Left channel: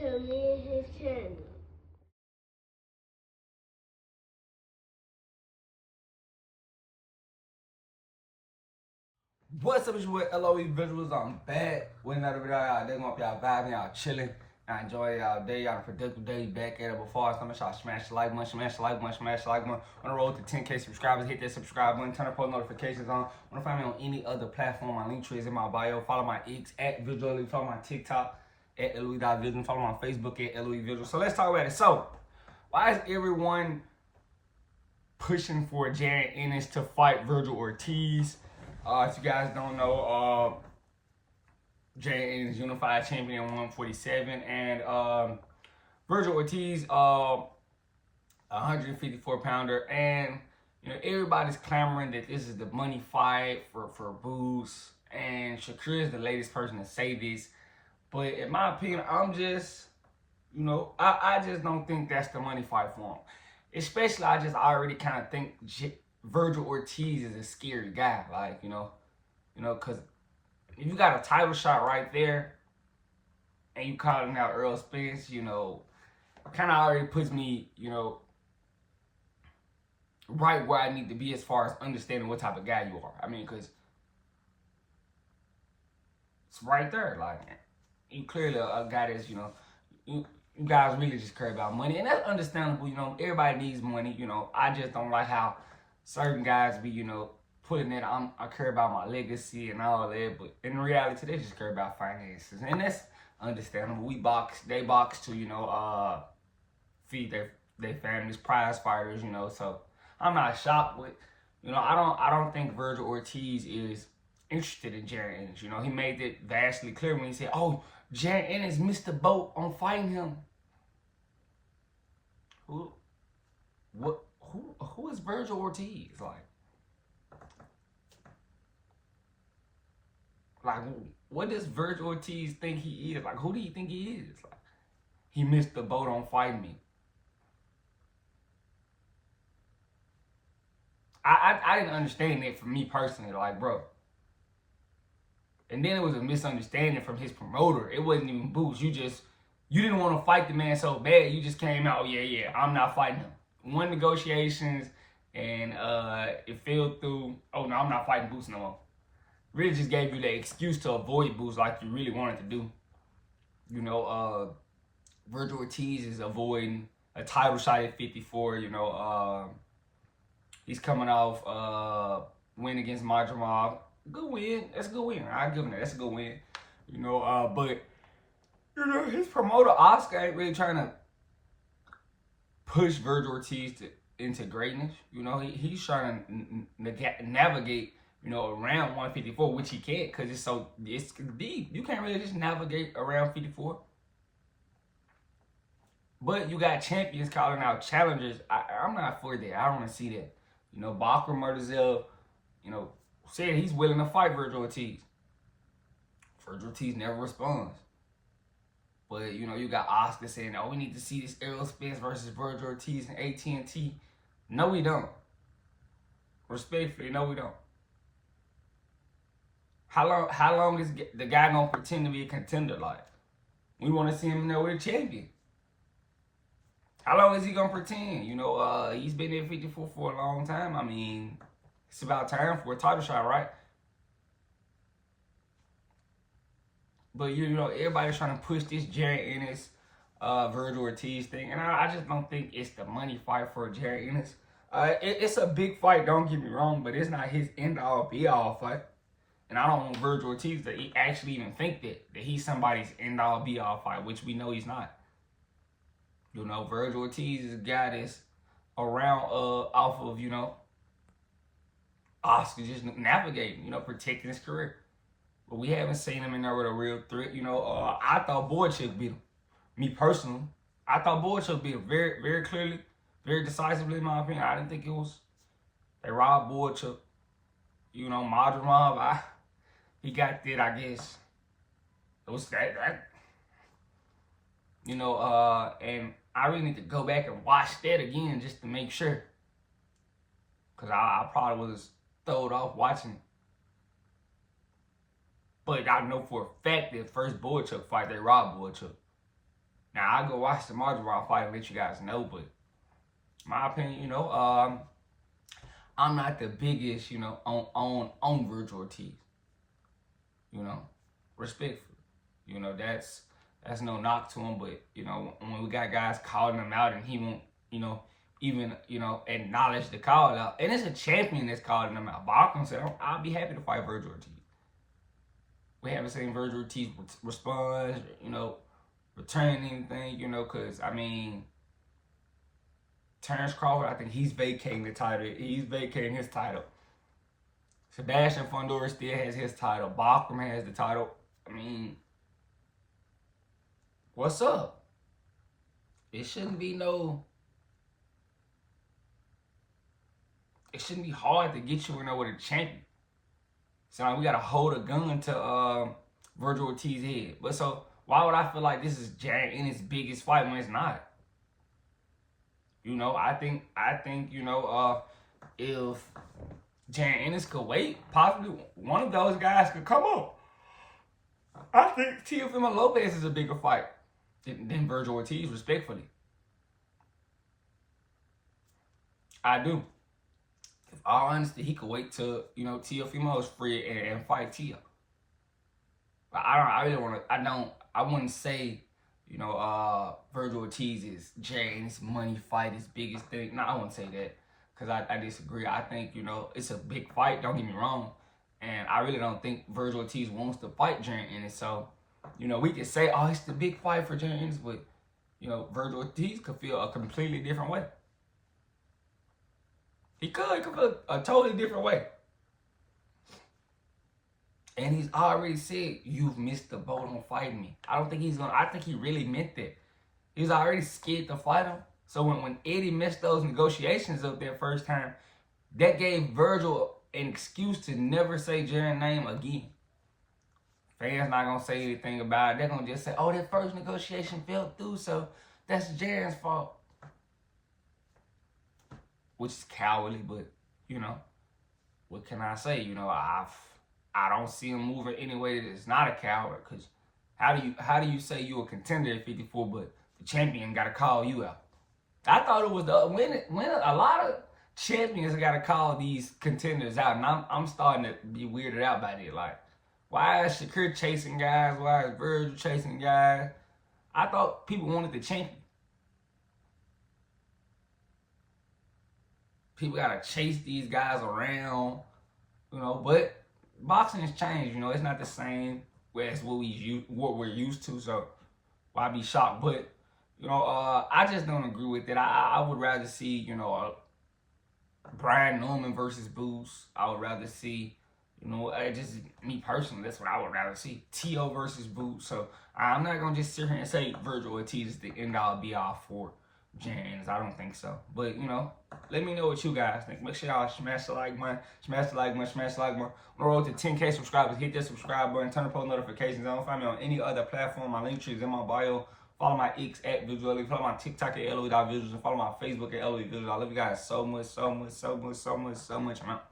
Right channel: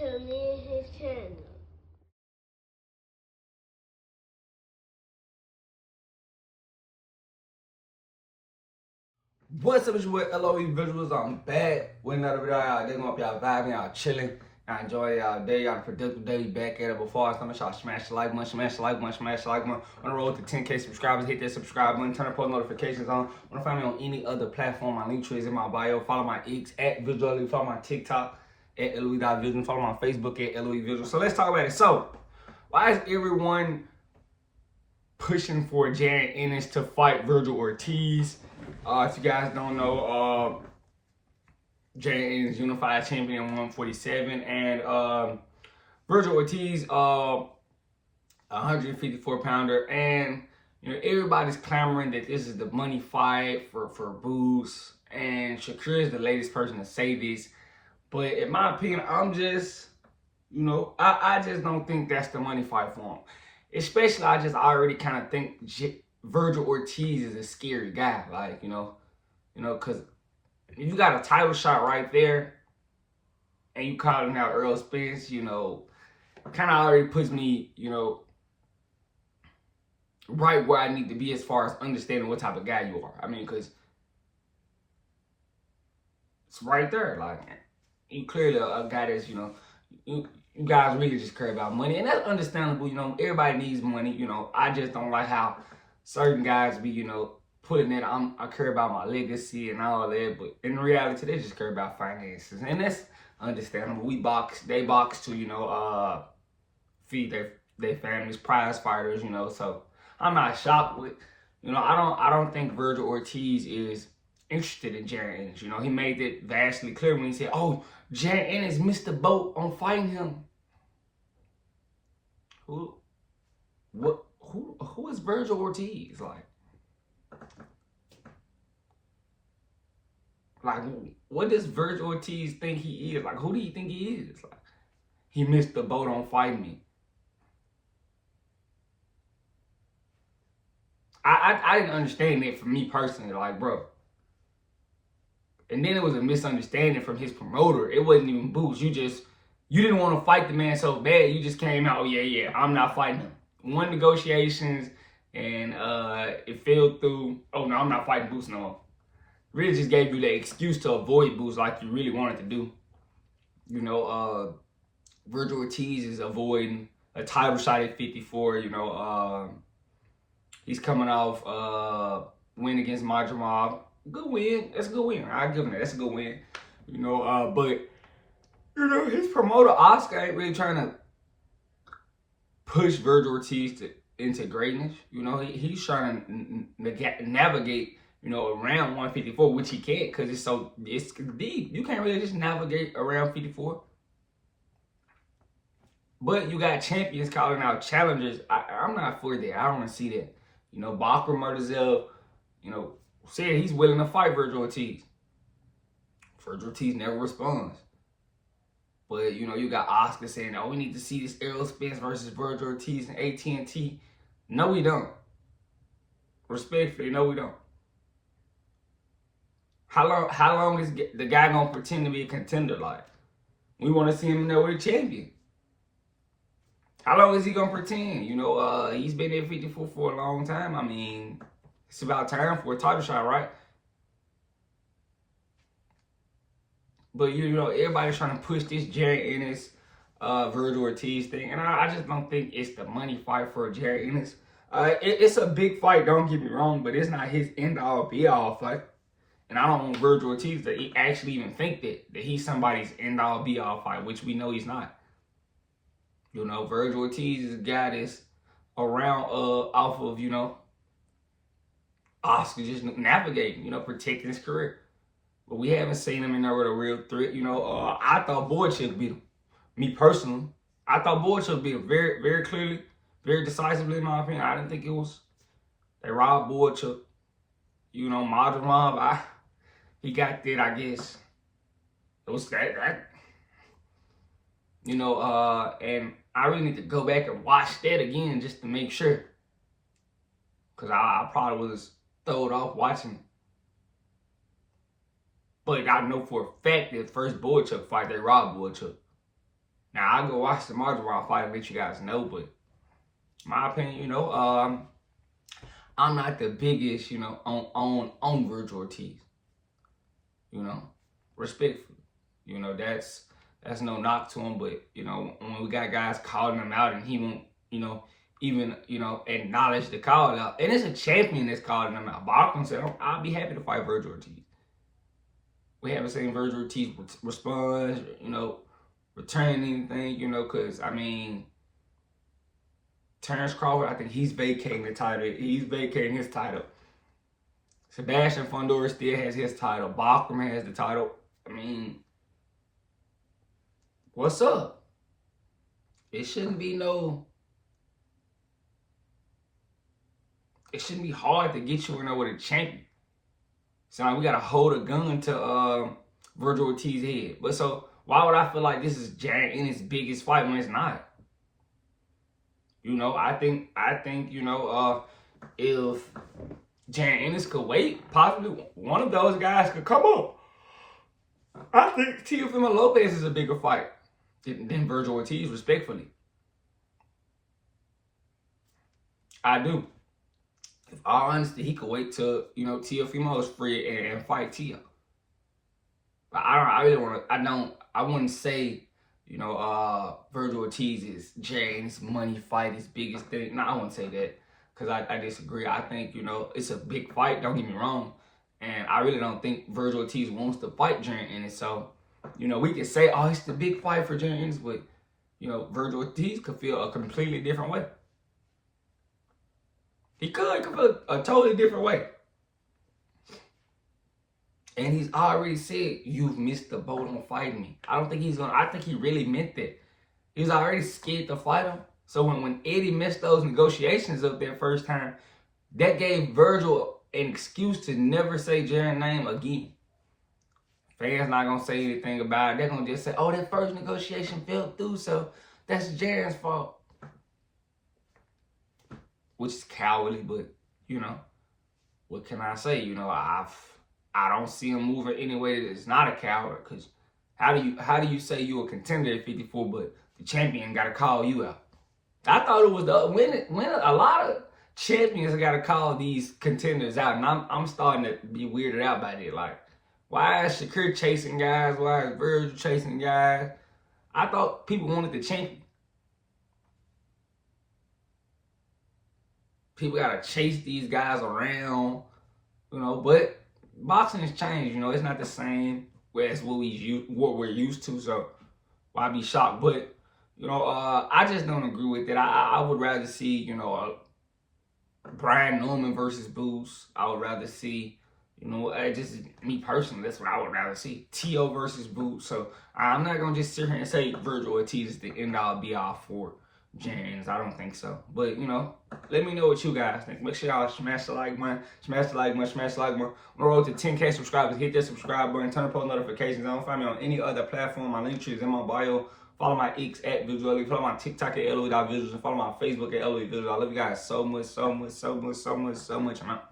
to me and his channel. What's up, it's your boy LOE Visuals. I'm back with another video. Y'all, they gonna be y'all vibing, y'all chilling, y'all enjoy y'all day, y'all productive day. Back at it before I start, make sure y'all smash the like button, smash the like button, smash the like button. On the road to 10K subscribers, hit that subscribe button, turn the post notifications on. Wanna find me on any other platform? My link tree is in my bio. Follow my X at Vergil. Follow my TikTok at LOE.Visuals. Follow my Facebook at LOE Visuals. So let's talk about it. So, why is everyone pushing for Jaron Ennis to fight Vergil Ortiz? If you guys don't know, Jaron Ennis unified champion 147, and Vergil Ortiz, 154 pounder, and you know everybody's clamoring that this is the money fight for Boost, and Shakur is the latest person to say this. But in my opinion, I'm just, you know, I just don't think that's the money fight for him. Especially, I already kind of think Vergil Ortiz is a scary guy, like, you know, because you got a title shot right there, and you calling out Earl Spence, you know, kind of already puts me, you know, right where I need to be as far as understanding what type of guy you are. I mean, because it's right there, like, you clearly a guy that's, you know, you guys really just care about money, and that's understandable. You know, everybody needs money. You know, I just don't like how certain guys be, you know, putting that I care about my legacy and all that, but in reality, they just care about finances, and that's understandable. They box to, you know, feed their families, prize fighters, you know. So I'm not shocked with, you know, I don't think Vergil Ortiz is interested in Jaron Ennis. You know, he made it vastly clear when he said, "Oh, Jaron Ennis missed the boat on fighting him." Who is Vergil Ortiz? Like, what does Vergil Ortiz think he is? Like, who do you think he is? Like, he missed the boat on fighting me. I didn't understand that for me personally, like, bro. And then it was a misunderstanding from his promoter. It wasn't even Boost. You didn't want to fight the man so bad. You just came out, oh yeah, I'm not fighting him. Won negotiations, and it fell through. Oh no, I'm not fighting Boost no more. Really just gave you the excuse to avoid Boost like you really wanted to do. You know, Vergil Ortiz is avoiding a title shot at 54. You know, he's coming off win against Madrimov. Good win. That's a good win. I'll give him that. That's a good win. You know, but you know, his promoter Oscar ain't really trying to push Vergil Ortiz into greatness. You know, he's trying to navigate, you know, around 154, which he can't because it's deep. You can't really just navigate around 54. But you got champions calling out challengers. I'm not for that. I don't want to see that. You know, Bakr Murtazel, you know, said he's willing to fight Vergil Ortiz. Vergil Ortiz never responds. But, you know, you got Oscar saying, oh, we need to see this Errol Spence versus Vergil Ortiz and AT&T. No, we don't. Respectfully, no, we don't. How long is the guy going to pretend to be a contender like? We want to see him in there with a champion. How long is he going to pretend? You know, he's been at 54 for a long time. I mean, it's about time for a title shot, right? But, you know, everybody's trying to push this Jaron Ennis, Vergil Ortiz thing. And I just don't think it's the money fight for Jaron Ennis. It's a big fight, don't get me wrong, but it's not his end-all, be-all fight. And I don't want Vergil Ortiz to actually even think that he's somebody's end-all, be-all fight, which we know he's not. You know, Vergil Ortiz is a guy that's around off of, you know, Oscar just navigating, you know, protecting his career. But we haven't seen him in there with a real threat. You know, I thought Boychuk beat him. Me personally, I thought Boychuk beat him very, very clearly, very decisively, in my opinion. I didn't think it was. They robbed Boychuk. You know, Madrimov, he got that, I guess. It was that. You know, and I really need to go back and watch that again just to make sure. Because I probably was thrown off watching. But I know for a fact that first Boychuk fight, they robbed Boychuk. Now, I'll go watch the March Round fight and let you guys know, but my opinion, I'm not the biggest, on Vergil Ortiz. Respectfully. That's no knock to him, but when we got guys calling him out and he won't, even acknowledge the call out, and it's a champion that's calling him out. Bachman said, "I'll be happy to fight Vergil Ortiz." We haven't seen Vergil Ortiz respond, return anything, because Terrence Crawford, I think he's vacating the title. He's vacating his title. Sebastian Fundora still has his title. Bachman has the title. What's up? It shouldn't be hard to get you with a champion. So we gotta hold a gun to Vergil Ortiz's head. But so why would I feel like this is Jaron Ennis' biggest fight when it's not? I think if Jaron Ennis could wait, possibly one of those guys could come up. I think Teofimo Lopez is a bigger fight than Vergil Ortiz, respectfully. I do. If all honesty, he could wait till, Teofimo is free and fight Teo. But I wouldn't say, Vergil Ortiz is Jaron's money fight, his biggest thing. No, I wouldn't say that because I disagree. I think, it's a big fight, don't get me wrong. And I really don't think Vergil Ortiz wants to fight Jaron Ennis. So, we can say, oh, it's the big fight for Jaron Ennis, but, Vergil Ortiz could feel a completely different way. He could feel a totally different way. And he's already said, you've missed the boat on fighting me. I think he really meant that. He was already scared to fight him. So when Eddie messed those negotiations up that first time, that gave Vergil an excuse to never say Jaron's name again. Fans not going to say anything about it. They're going to just say, oh, that first negotiation fell through, so that's Jaron's fault. Which is cowardly, but, what can I say? I don't see him moving any way that is not a coward, because how do you say you're a contender at 54, but the champion got to call you out? I thought it was when a lot of champions got to call these contenders out, and I'm starting to be weirded out by it. Like, why is Shakur chasing guys? Why is Vergil chasing guys? I thought people wanted the champion. People got to chase these guys around, but boxing has changed, it's not the same as what we're used to, so why be shocked? But, I just don't agree with it. I would rather see, Brian Norman versus Boots. I would rather see, just me personally, that's what I would rather see. Teo versus Boots. So I'm not going to just sit here and say Vergil Ortiz is the end-all, be-all for Jaron Ennis. I don't think so. But, let me know what you guys think. Make sure y'all smash the like button. Smash the like button. Smash the like button. On the road to 10K subscribers. Hit that subscribe button. Turn on post notifications. Don't find me on any other platform. My link tree is in my bio. Follow my X at Vergil. Follow my TikTok at LOE.Visuals. And follow my Facebook at LOE Visuals. I love you guys so much, so much, so much, so much, so much. I'm out.